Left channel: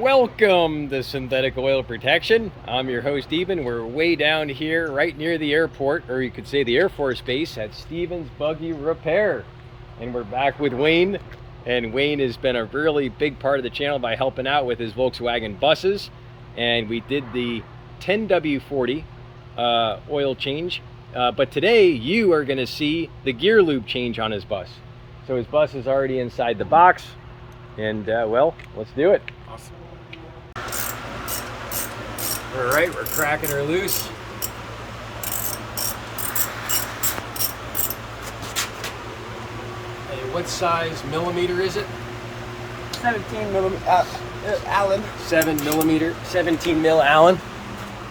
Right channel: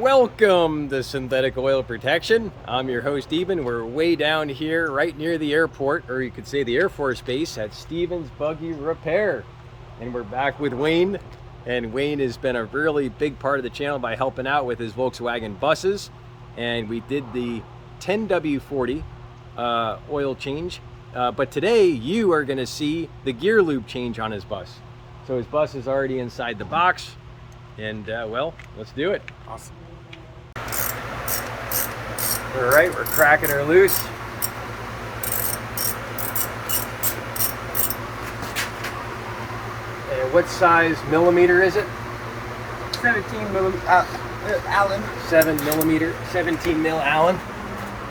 Welcome to Synthetic Oil Protection. I'm your host Eben. We're way down here right near the airport, or you could say the Air Force Base at Stevens Buggy Repair. And we're back with Wayne. And Wayne has been a really big part of the channel by helping out with his Volkswagen buses. And we did the 10W-90 oil change. But today you are going to see the gear lube change on his bus. So his bus is already inside the box. And well, let's do it. Awesome. All right, we're cracking her loose. And what size millimeter is it? 17 millimeter Allen. 7 millimeter, 17 mil Allen.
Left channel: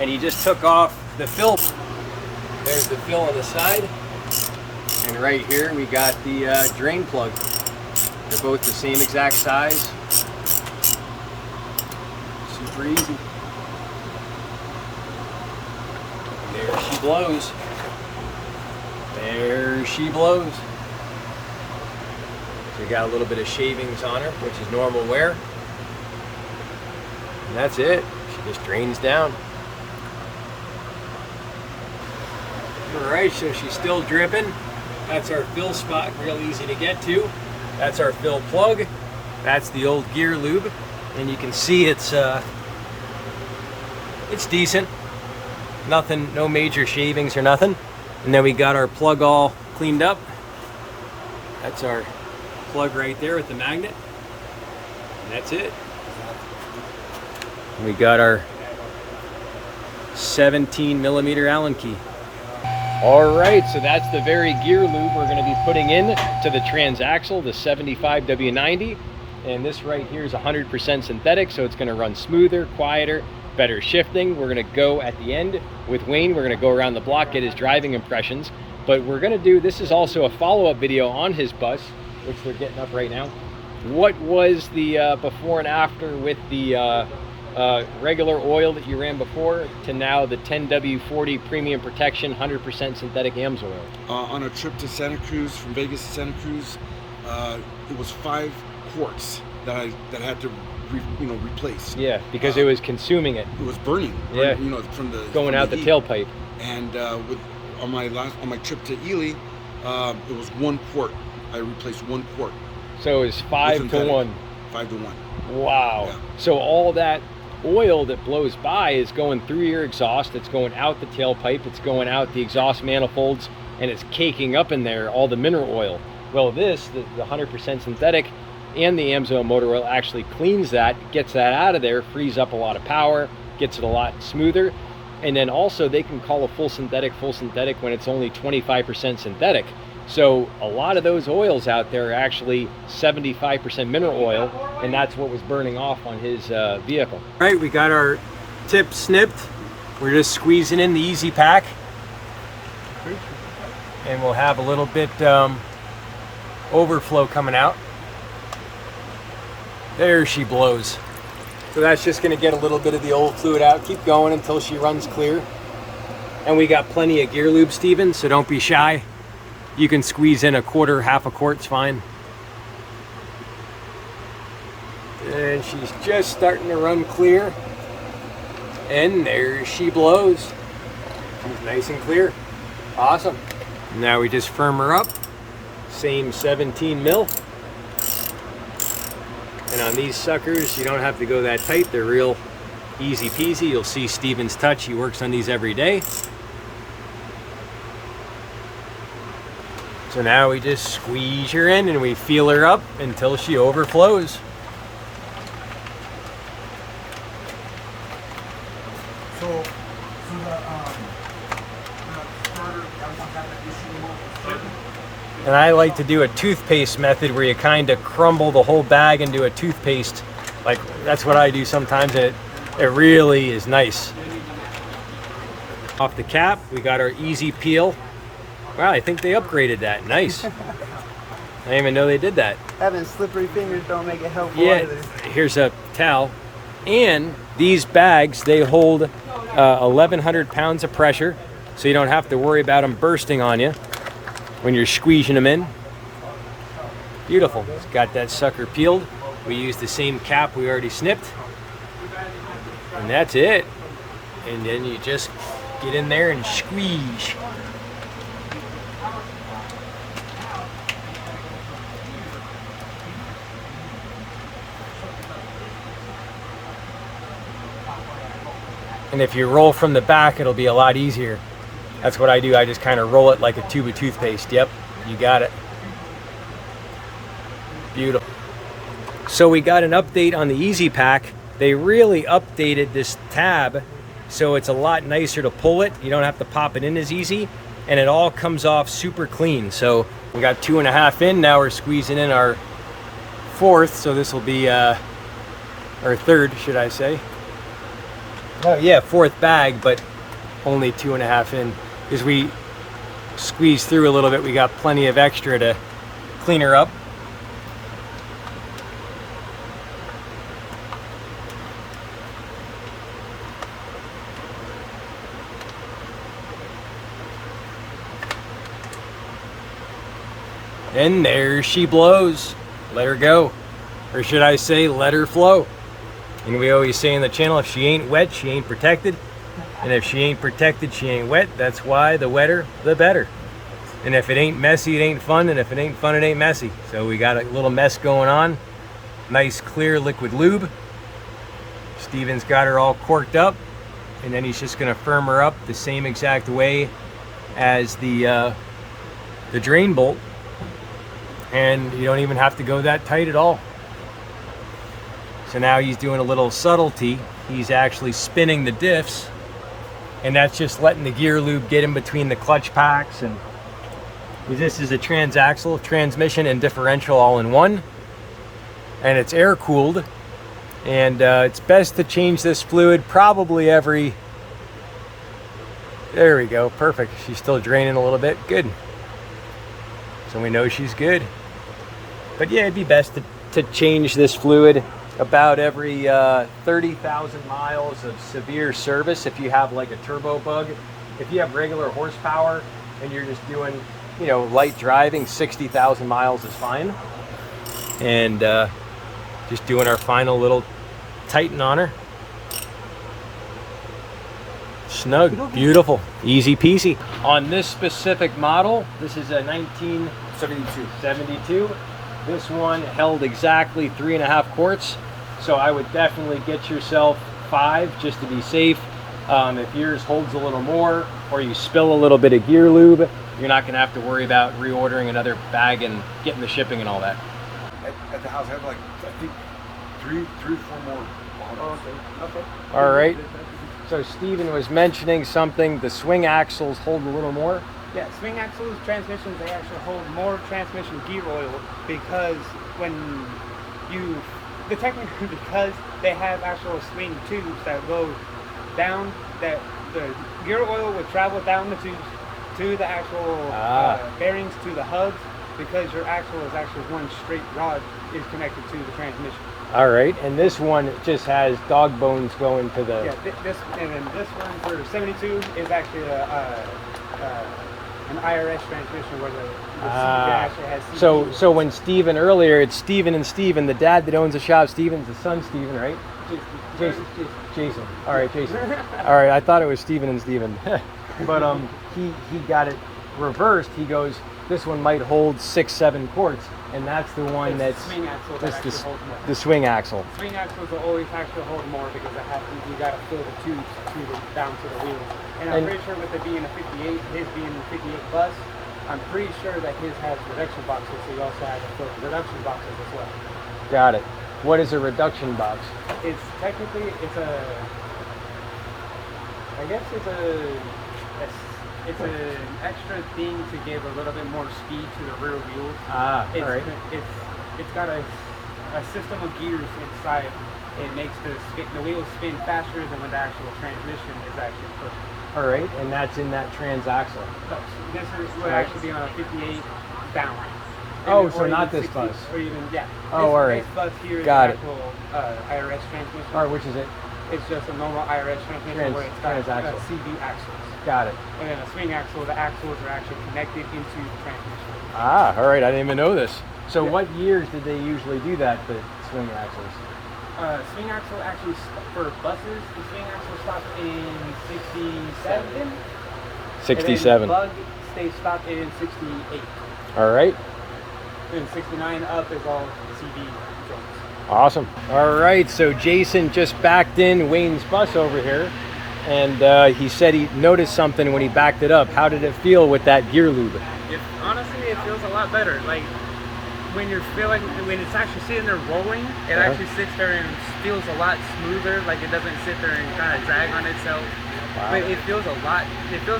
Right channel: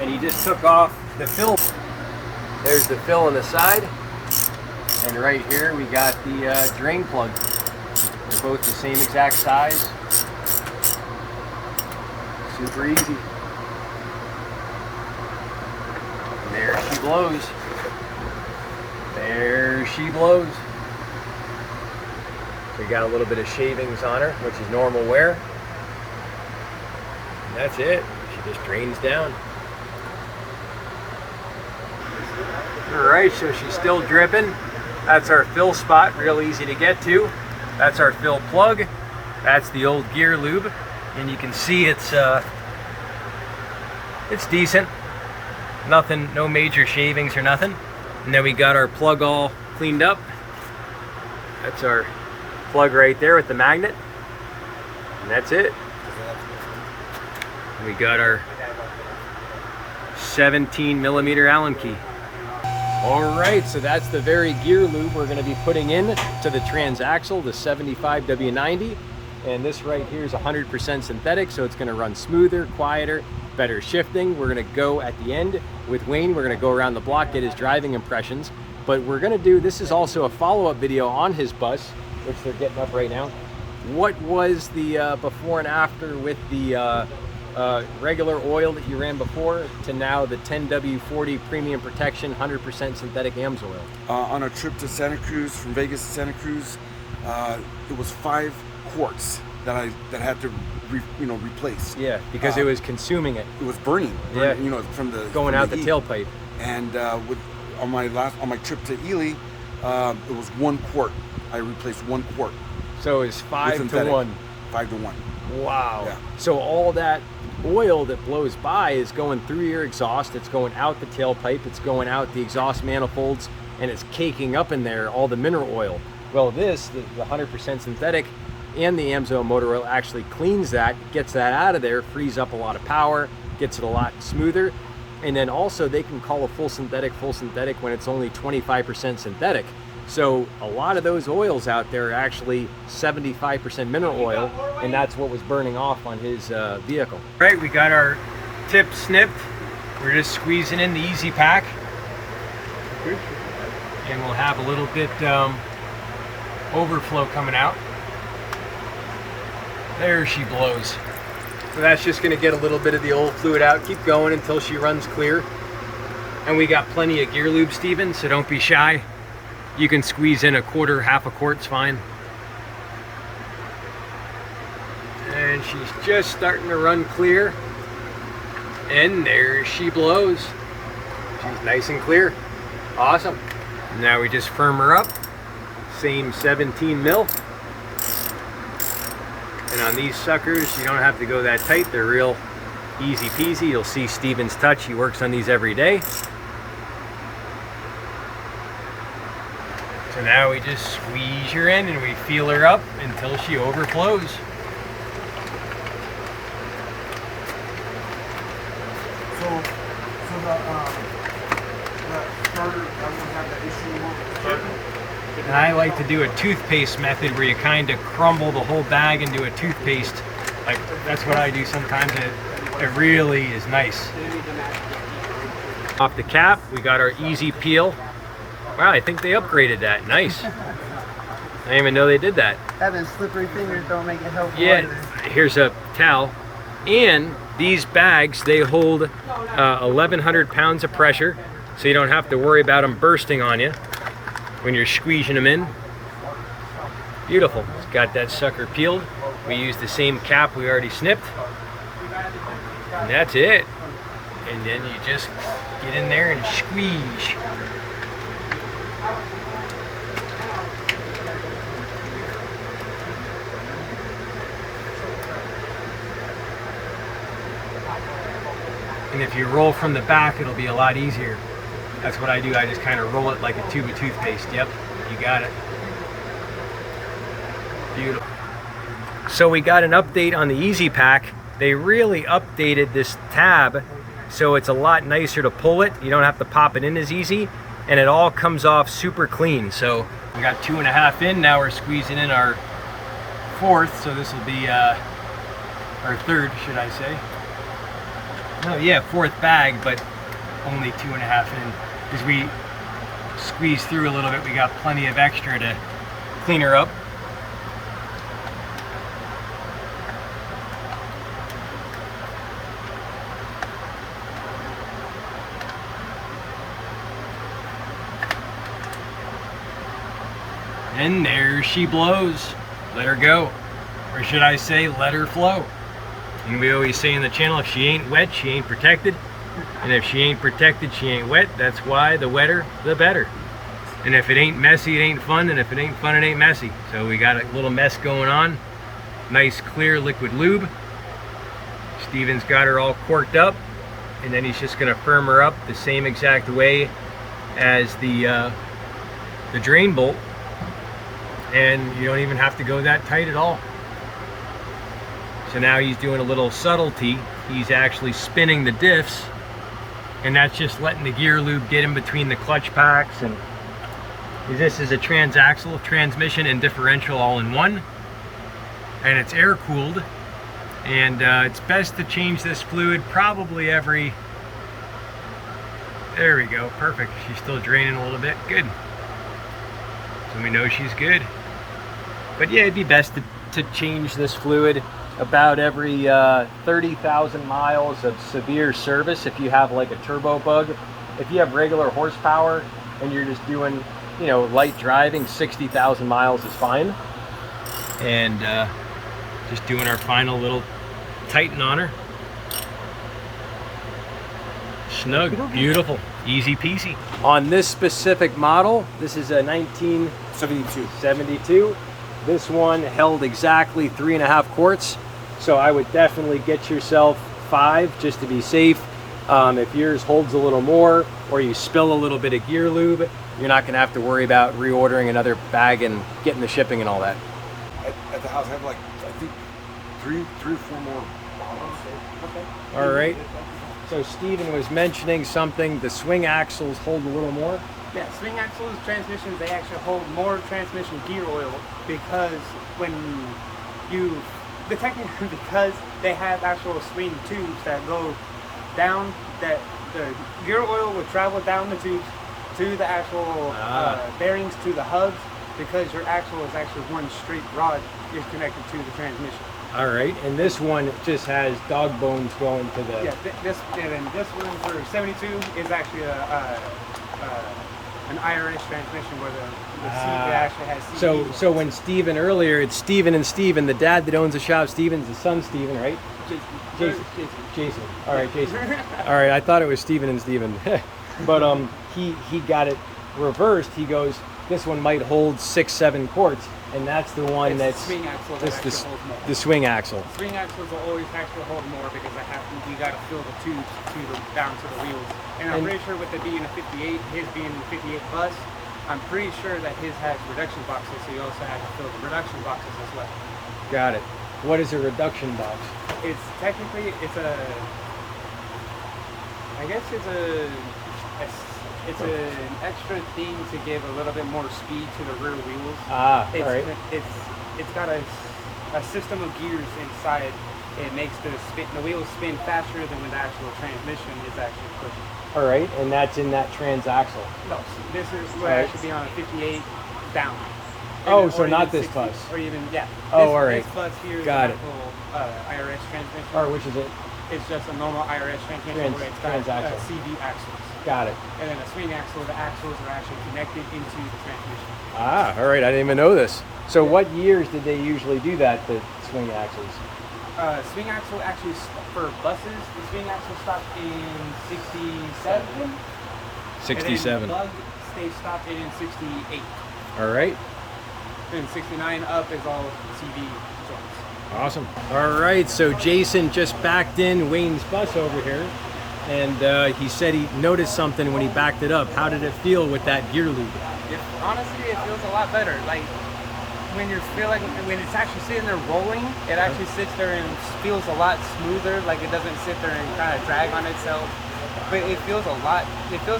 And he just took off the fill. There's the fill on the side. And right here we got the drain plug. They're both the same exact size. Super easy. And there she blows. There she blows. So we got a little bit of shavings on her, which is normal wear. And that's it. She just drains down. All right, so she's still dripping. That's our fill spot, real easy to get to. That's our fill plug. That's the old gear lube. And you can see it's decent. Nothing, no major shavings or nothing. And then we got our plug all cleaned up. That's our plug right there with the magnet. And that's it. We got our 17 millimeter Allen key. All right, so that's the very gear lube we're going to be putting in to the Transaxle, the 75W-90. And this right here is 100% synthetic, so it's going to run smoother, quieter, better shifting. We're going to go at the end with Wayne. We're going to go around the block, get his driving impressions. But we're going to do, this is also a follow-up video on his bus, which they're getting up right now. What was the before and after with the regular oil that you ran before to now the 10W-90 premium protection 100% synthetic Amsoil? On a trip to Santa Cruz, from Vegas to Santa Cruz, it was 5 quarts that I had to replace. Yeah, because it was consuming it. It was burning. Yeah, from the going out the tailpipe. And on my trip to Ely, it was 1 quart. I replaced 1 quart. So it's 5 to 1. 5 to 1. Wow. Yeah. So all that oil that blows by is going through your exhaust, it's going out the tailpipe, it's going out the exhaust manifolds, and it's caking up in there all the mineral oil. Well, this, the 100% synthetic and the Amsoil motor oil actually cleans that, gets that out of there, frees up a lot of power, gets it a lot smoother. And then also they can call a full synthetic when it's only 25% synthetic. So a lot of those oils out there are actually 75% mineral oil, and that's what was burning off on his vehicle. Right, we got our tip snipped. We're just squeezing in the easy pack. And we'll have a little bit overflow coming out. There she blows. So that's just gonna get a little bit of the old fluid out. Keep going until she runs clear. And we got plenty of gear lube, Steven, so don't be shy. You can squeeze in a quarter, half a quart's fine. And she's just starting to run clear. And there she blows. She's nice and clear. Awesome. Now we just firm her up. Same 17 mil. And on these suckers, you don't have to go that tight. They're real easy peasy. You'll see Steven's touch. He works on these every day. So now we just squeeze her in and we feel her up until she overflows. So the starter doesn't have that issue. And I like to do a toothpaste method where you kind of crumble the whole bag into a toothpaste. Like, that's what I do sometimes. It really is nice. Off the cap, we got our easy peel. Wow, I think they upgraded that. Nice. I didn't even know they did that. Having slippery fingers don't make it helpful. Yeah, either. here's a towel. And these bags, they hold 1,100 pounds of pressure, so you don't have to worry about them bursting on you when you're squeezing them in. Beautiful. It's got that sucker peeled. We used the same cap we already snipped. And that's it. And then you just get in there and squeeze. And if you roll from the back, it'll be a lot easier. That's what I do. I just kind of roll it like a tube of toothpaste. Yep, you got it. Beautiful. So we got an update on the Easy Pack. They really updated this tab, so it's a lot nicer to pull it. You don't have to pop it in as easy, and it all comes off super clean. So we got 2.5 in. Now we're squeezing in our 4th, so this will be our 3rd, should I say. Oh yeah, 4th bag, but only 2.5 in. As we squeeze through a little bit, we got plenty of extra to clean her up. And there she blows. Let her go. Or should I say, let her flow. And we always say in the channel, if she ain't wet, she ain't protected. And if she ain't protected, she ain't wet. That's why the wetter, the better. And if it ain't messy, it ain't fun. And if it ain't fun, it ain't messy. So we got a little mess going on. Nice, clear liquid lube. Steven's got her all corked up. And then he's just gonna firm her up the same exact way as the drain bolt. And you don't even have to go that tight at all. So now he's doing a little subtlety. He's actually spinning the diffs, and that's just letting the gear lube get in between the clutch packs. And this is a Transaxle transmission and differential all in one, and it's air cooled. And it's best to change this fluid probably every, there we go, perfect. She's still draining a little bit, good. So we know she's good. But yeah, it'd be best to change this fluid about every 30,000 miles of severe service if you have like a turbo bug. If you have regular horsepower and you're just doing, you know, light driving, 60,000 miles is fine. And just doing our final little tighten on her. Snug, beautiful, easy peasy. On this specific model, this is a 1972. This one held exactly 3.5 quarts. So I would definitely get yourself 5 just to be safe. If yours holds a little more or you spill a little bit of gear lube, you're not gonna have to worry about reordering another bag and getting the shipping and all that. At the house, I have like, I think, three or four more bottles. Okay. All right. So Steven was mentioning something, the swing axles hold a little more. Yeah, swing axles, transmissions, they actually hold more transmission gear oil because when you, because they have actual swing tubes that go down, that the gear oil will travel down the tubes to the actual bearings to the hubs, because your axle is actually one straight rod is connected to the transmission. All right, and this one just has dog bones going to the... Yeah, this one for 72 is actually an IRS transmission where the seat actually has CB. So when Steven earlier, it's Steven and Steven, the dad that owns the shop. Steven's the son, Steven, right? Jason. All right, Jason. All right, I thought it was Steven and Steven. But he got it reversed. He goes, this one might hold 6-7 quarts. And that's the one it's that's the swing axle that actually holds more. The swing axle. Swing axles will always actually hold more because you got to fill the tubes down to the wheels. And I'm pretty sure with it being a 58, his being a 58 bus, I'm pretty sure that his has reduction boxes, so he also has a filled reduction boxes as well. Got it. What is a reduction box? It's technically it's an extra thing to give a little bit more speed to the rear wheels. All right. It's got a system of gears inside. It makes the wheels spin faster than the actual transmission is actually pushing. All right, and that's in that transaxle. No, this would actually be on a 58 down. Oh, so not this 60, bus. Or even, yeah. Oh, all right. This bus here is Got the actual IRS transmission. All right, which is it? It's just a normal IRS transmission where it's got transaxle. CB axles. Got it. And then the swing axle, the axles are actually connected into the transmission. All right, I didn't even know this. So what years did they usually do that, the swing axles? Swing axle actually, for buses, the swing axle stopped in 67. 67. And then lug stays stopped in 68. All right. And 69 up is all CV joints. Awesome. All right, so Jason just backed in Wayne's bus over here, and he said he noticed something when he backed it up. How did it feel with that gear lube? Honestly, it feels a lot better. Like when when it's actually sitting there rolling, it actually sits there and feels a lot smoother. Like it doesn't sit there and kind of drag on itself. Wow. But it feels a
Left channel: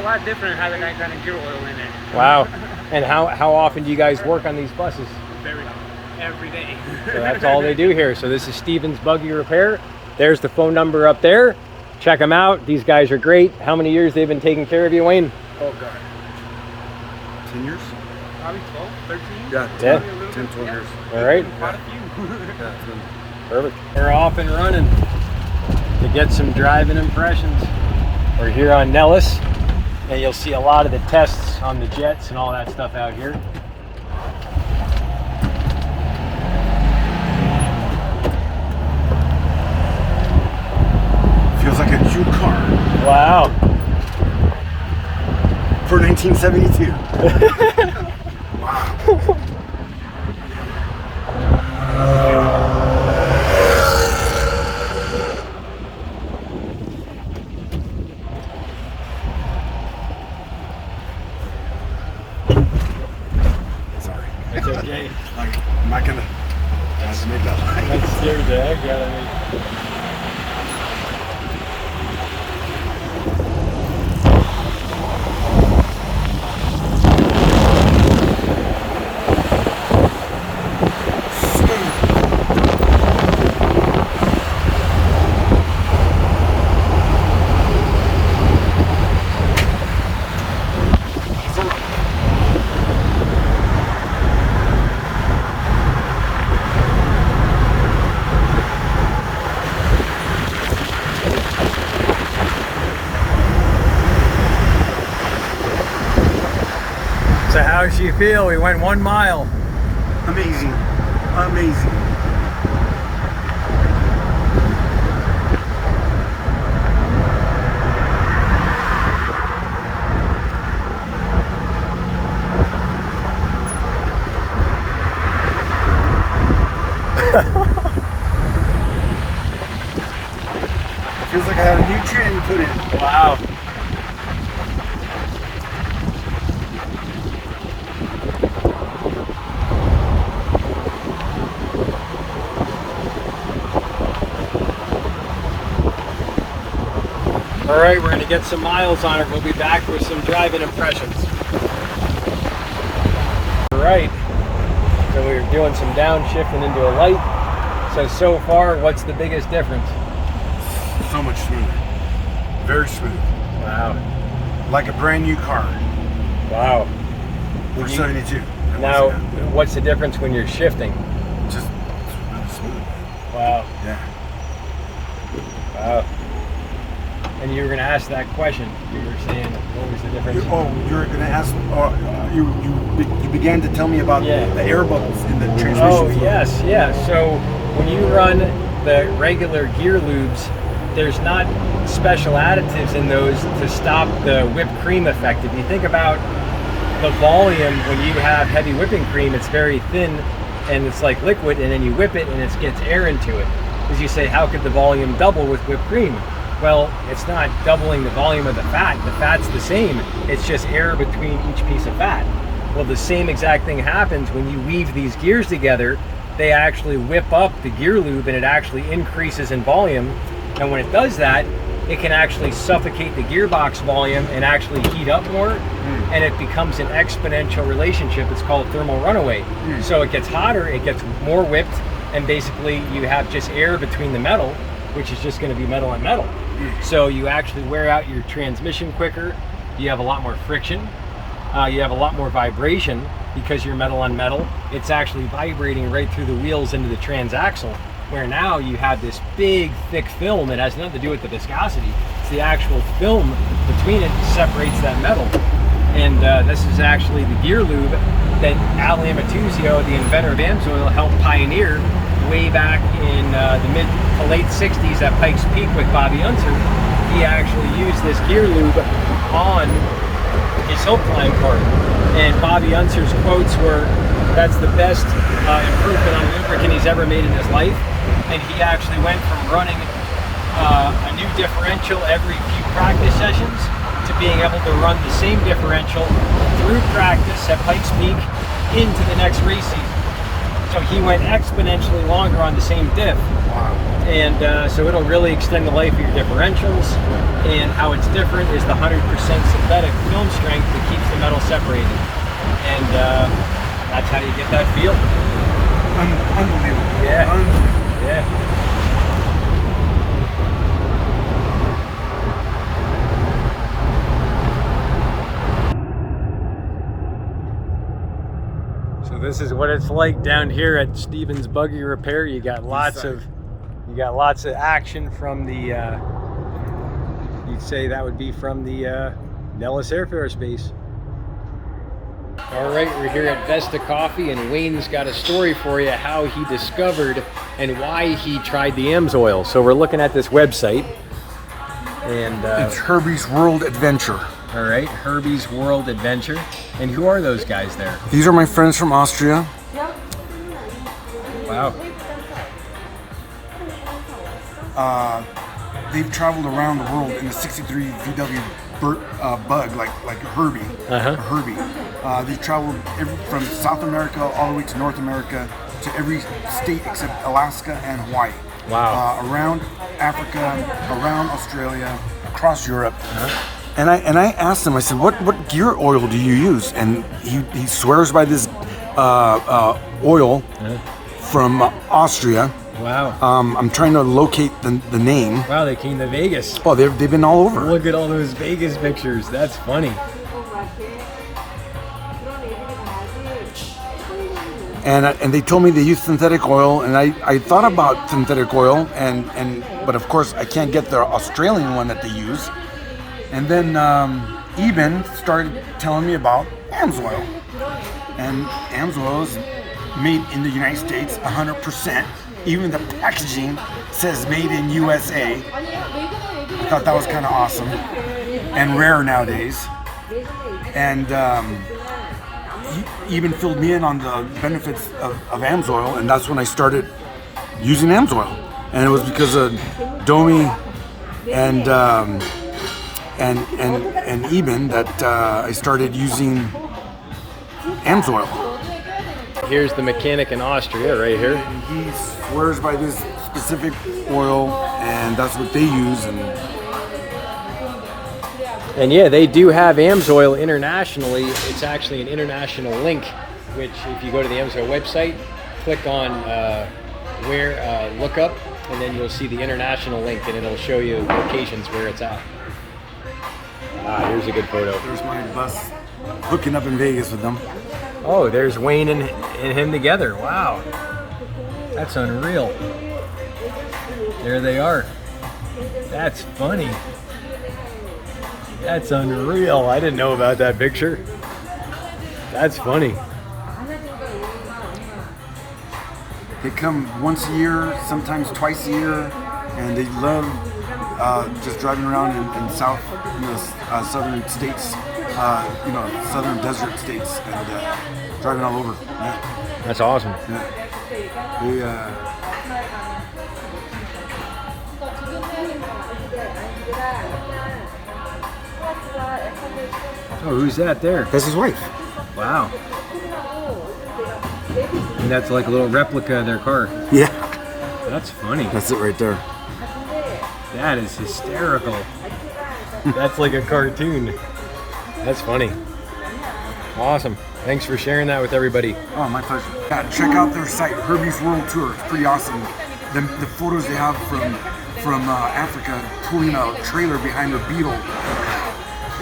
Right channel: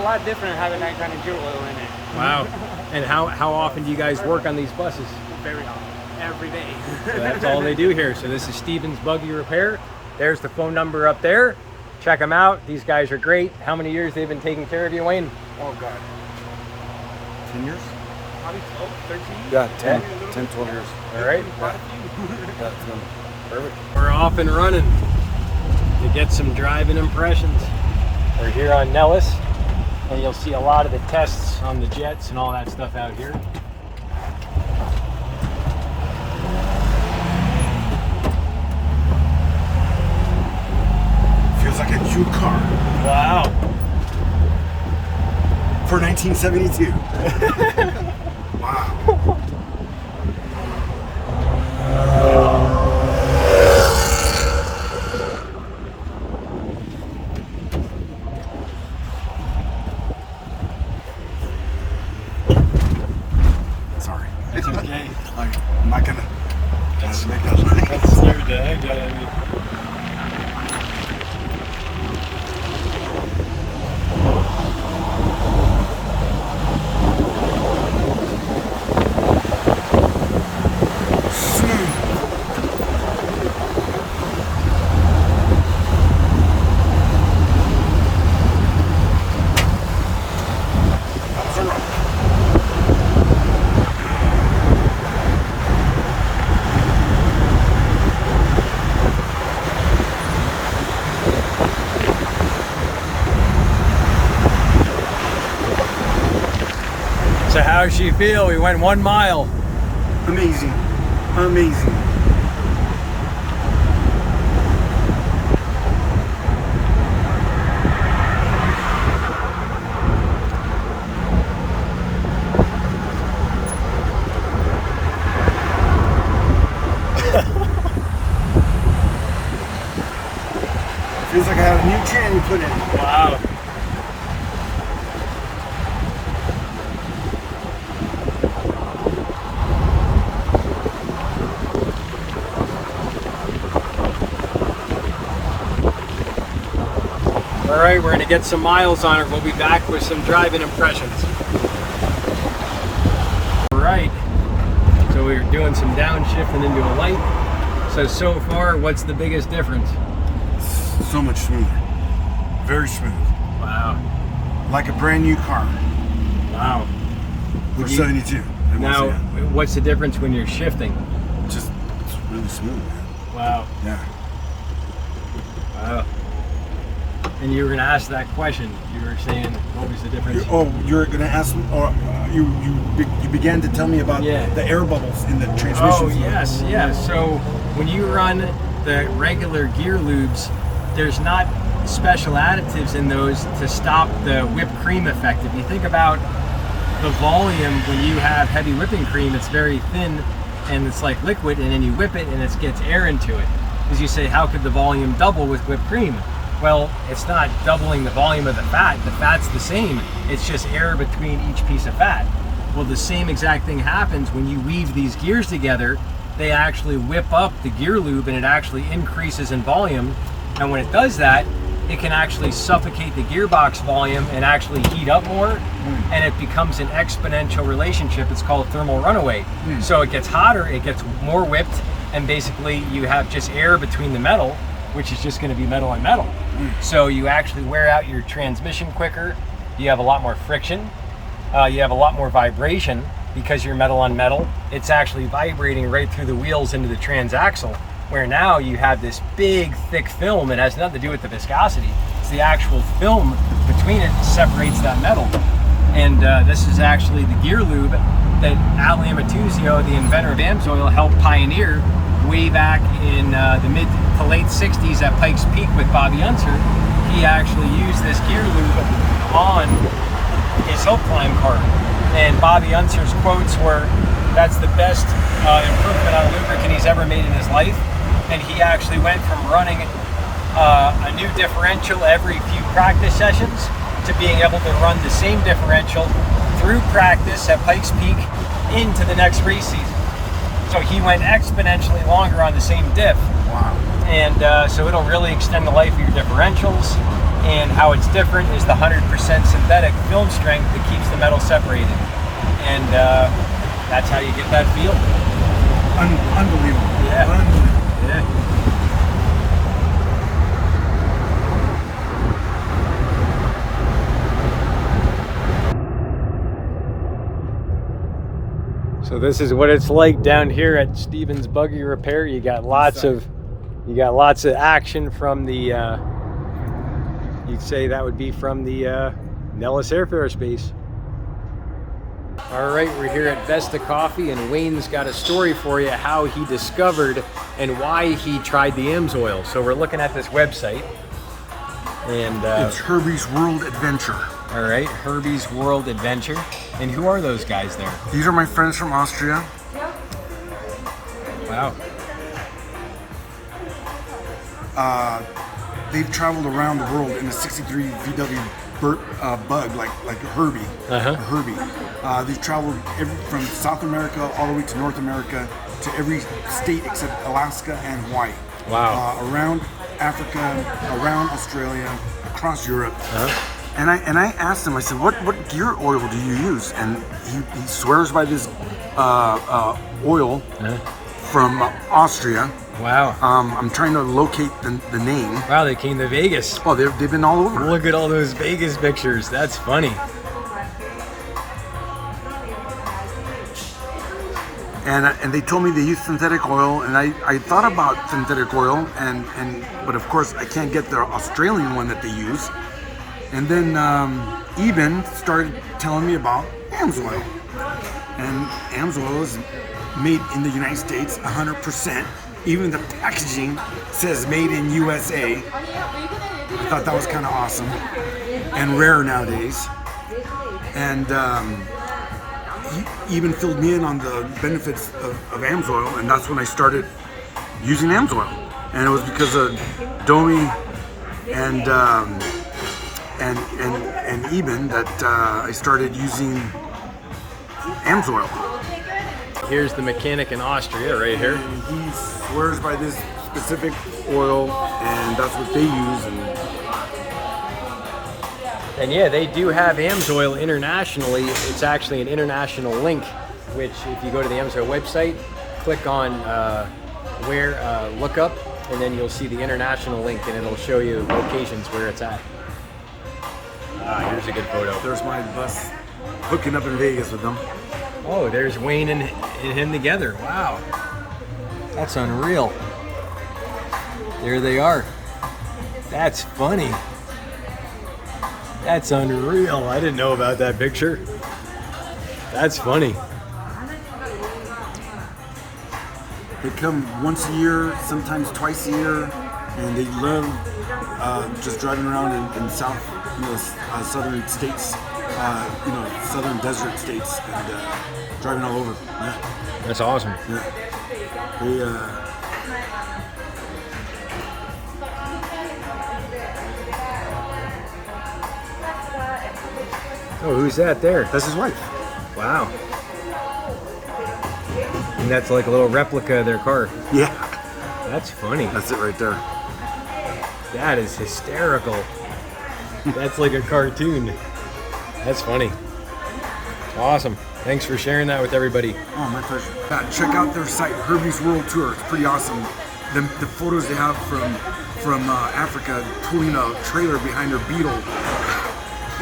lot different having that kind of gear oil in it. Wow. And how often do you guys work on these buses? Very often. Every day. So that's all they do here. So this is Steven's Buggy Repair. There's the phone number up there. Check them out. These guys are great. How many years they've been taking care of you, Wayne? Oh God. 10 years? Probably 12, 13. Yeah, 10, 10 12 years. All right. Quite a few. Perfect. We're off and running to get some driving impressions. We're here on Nellis, and you'll see a lot of the tests on the jets and all that stuff out here. Feels like a new car. Wow. For 1972. Wow. Sorry. It's okay. I'm not gonna make that line. That scared the heck out of me. So how does she feel? We went 1 mile. Amazing. Amazing. Feels like I had a new tranny put in. Wow. All right, we're gonna get some miles on it. We'll be back with some driving impressions. All right, so we're doing some downshifting into a light. So far, what's the biggest difference? So much smoother. Very smooth. Wow. Like a brand new car. Wow. For 72. Now, what's the difference when you're shifting? Just really smooth. Wow. Yeah. Wow. And you were going to ask that question. You were saying, what was the difference? Oh, you're going to ask me, you began to tell me about the air bubbles in the transmission Oh, flow. yes, yeah. So when you run the regular gear lubes, there's not special additives in those to stop the whipped cream effect. If you think about the volume, when you have heavy whipping cream, it's very thin and it's like liquid, and then you whip it and it gets air into it. As you say, how could the volume double with whipped cream? Well, it's not doubling the volume of the fat. The fat's the same. It's just air between each piece of fat. Well, the same exact thing happens when you weave these gears together. They actually whip up the gear lube and it actually increases in volume. And when it does that, it can actually suffocate the gearbox volume and actually heat up more, and it becomes an exponential relationship. It's called thermal runaway. So it gets hotter, it gets more whipped, and basically you have just air between the metal, which is just going to be metal on metal. So you actually wear out your transmission quicker, you have a lot more friction, you have a lot more vibration because you're metal on metal. It's actually vibrating right through the wheels into the transaxle, where now you have this big thick film. It has nothing to do with the viscosity. It's the actual film between it that separates that metal. And this is actually the gear lube that Al Amatuzio, the inventor of Amsoil, helped pioneer way back in the mid to late 60s at Pikes Peak with Bobby Unser, he actually used this gear lube on his hill climb cart. And Bobby Unser's quotes were, that's the best improvement on a lubricant he's ever made in his life. And he actually went from running a new differential every few practice sessions to being able to run the same differential through practice at Pikes Peak into the next race season. So he went exponentially longer on the same diff. And so it'll really extend the life of your differentials. And how it's different is the 100% synthetic film strength that keeps the metal separated. And that's how you get that feel. Unbelievable. Yeah. Unbelievable. Yeah. So this is what it's like down here at Stevens Buggy Repair. You got lots of action from the you'd say that would be from the Nellis Airfare Space. All right, we're here at Vesta Coffee, and Wayne's got a story for you how he discovered and why he tried the Amsoil. So we're looking at this website, and It's Herbie's World Adventure. all right, Herbie's World Adventure. And who are those guys there? These are my friends from Austria. Wow. They've traveled around the world in a 63 VW bug, like a Herbie. Uh-huh. A Herbie. They've traveled from South America all the way to North America, to every state except Alaska and Hawaii. Wow. Around Africa, around Australia, across Europe. Uh-huh. And I asked him, I said, what gear oil do you use? And he swears by this oil from Austria. Wow. I'm trying to locate the name. Wow, they came to Vegas. Oh, they've been all over. Look at all those Vegas pictures. That's funny. And they told me they use synthetic oil, and I thought about synthetic oil, but of course I can't get the Australian one that they use. And then Eben started telling me about Amsoil. And Amsoil is made in the United States 100%. Even the packaging says made in USA. I thought that was kind of awesome and rare nowadays. And he even filled me in on the benefits of Amsoil, and that's when I started using Amsoil. And it was because of Domi and Eben that I started using Amsoil. Here's the mechanic in Austria right here. And he swears by this specific oil, and that's what they use. And yeah, they do have Amsoil internationally. It's actually an international link, which if you go to the Amsoil website, click on look up, and then you'll see the international link, and it'll show you locations where it's at. Here's a good photo. There's my bus hooking up in Vegas with them. Oh, there's Wayne and him together. Wow. That's unreal. There they are. That's funny. That's unreal. I didn't know about that picture. That's funny. They come once a year, sometimes twice a year, and they love just driving around in south, southern states, southern desert states, and driving all over. Yeah. That's awesome. Yeah. They, Oh, who's that there? That's his wife. Wow. And that's like a little replica of their car. Yeah. That's funny. That's it right there. That is hysterical. That's like a cartoon. That's funny. Awesome. Thanks for sharing that with everybody. Oh, my pleasure. Check out their site, Herbie's World Tour. It's pretty awesome. The photos they have from Africa pulling a trailer behind their Beetle.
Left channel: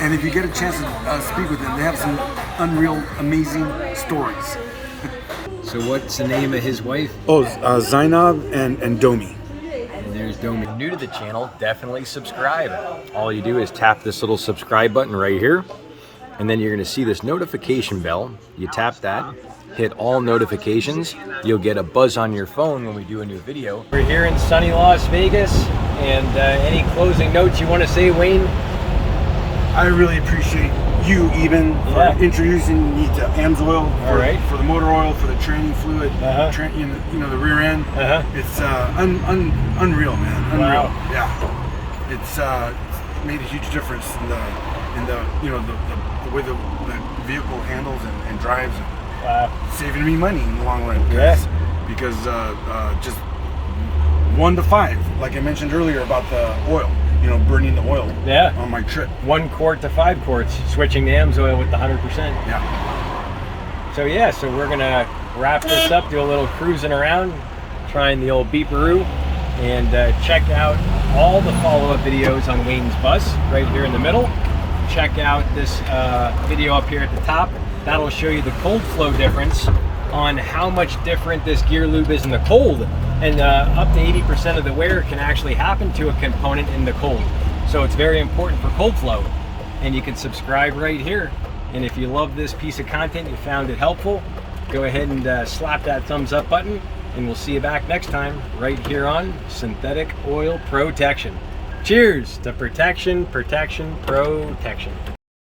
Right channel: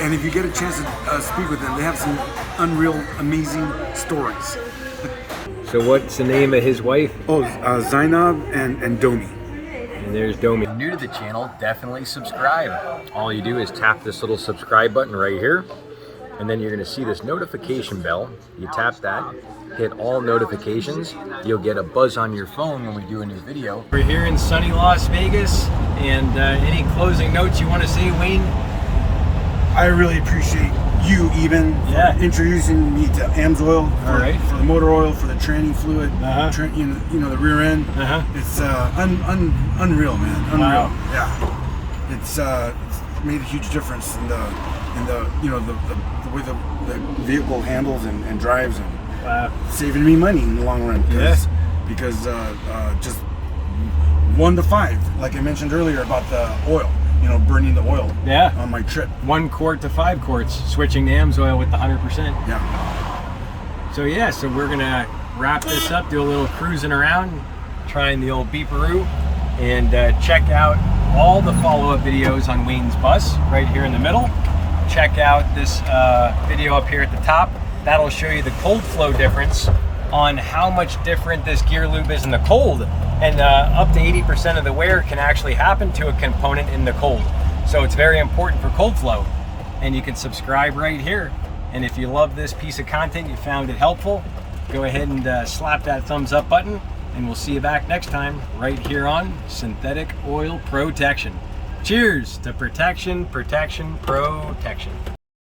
And if you get a chance to speak with them, they have some unreal, amazing stories. So what's the name of his wife? Oh, Zainab and Domi. And there's Domi. If you're new to the channel, definitely subscribe. All you do is tap this little subscribe button right here, and then you're going to see this notification bell. You tap that, hit all notifications. You'll get a buzz on your phone when we do a new video. We're here in sunny Las Vegas, and any closing notes you want to say, Wayne? I really appreciate you, Eben, for introducing me to Amsoil, for the motor oil, for the tranny fluid, you know, the rear end. It's unreal, man. Unreal. Wow. Yeah. It's made a huge difference in the you know, the way the vehicle handles and drives, and saving me money in the long run. Because just 1 to 5, like I mentioned earlier about the oil. You know, burning the oil on my trip. 1 quart to 5 quarts, switching to Amsoil with the 100%. Yeah. So we're gonna wrap this up, do a little cruising around, trying the old beeperoo, and check out all the follow-up videos on Wayne's bus right here in the middle. Check out this video up here at the top. That'll show you the cold flow difference on how much different this gear lube is in the cold, and up to 80% of the wear can actually happen to a component in the cold. So it's very important for cold flow, and you can subscribe right here. And if you love this piece of content, you found it helpful, go ahead and slap that thumbs up button, and we'll see you back next time right here on Synthetic Oil Protection. Cheers to protection, protection, protection.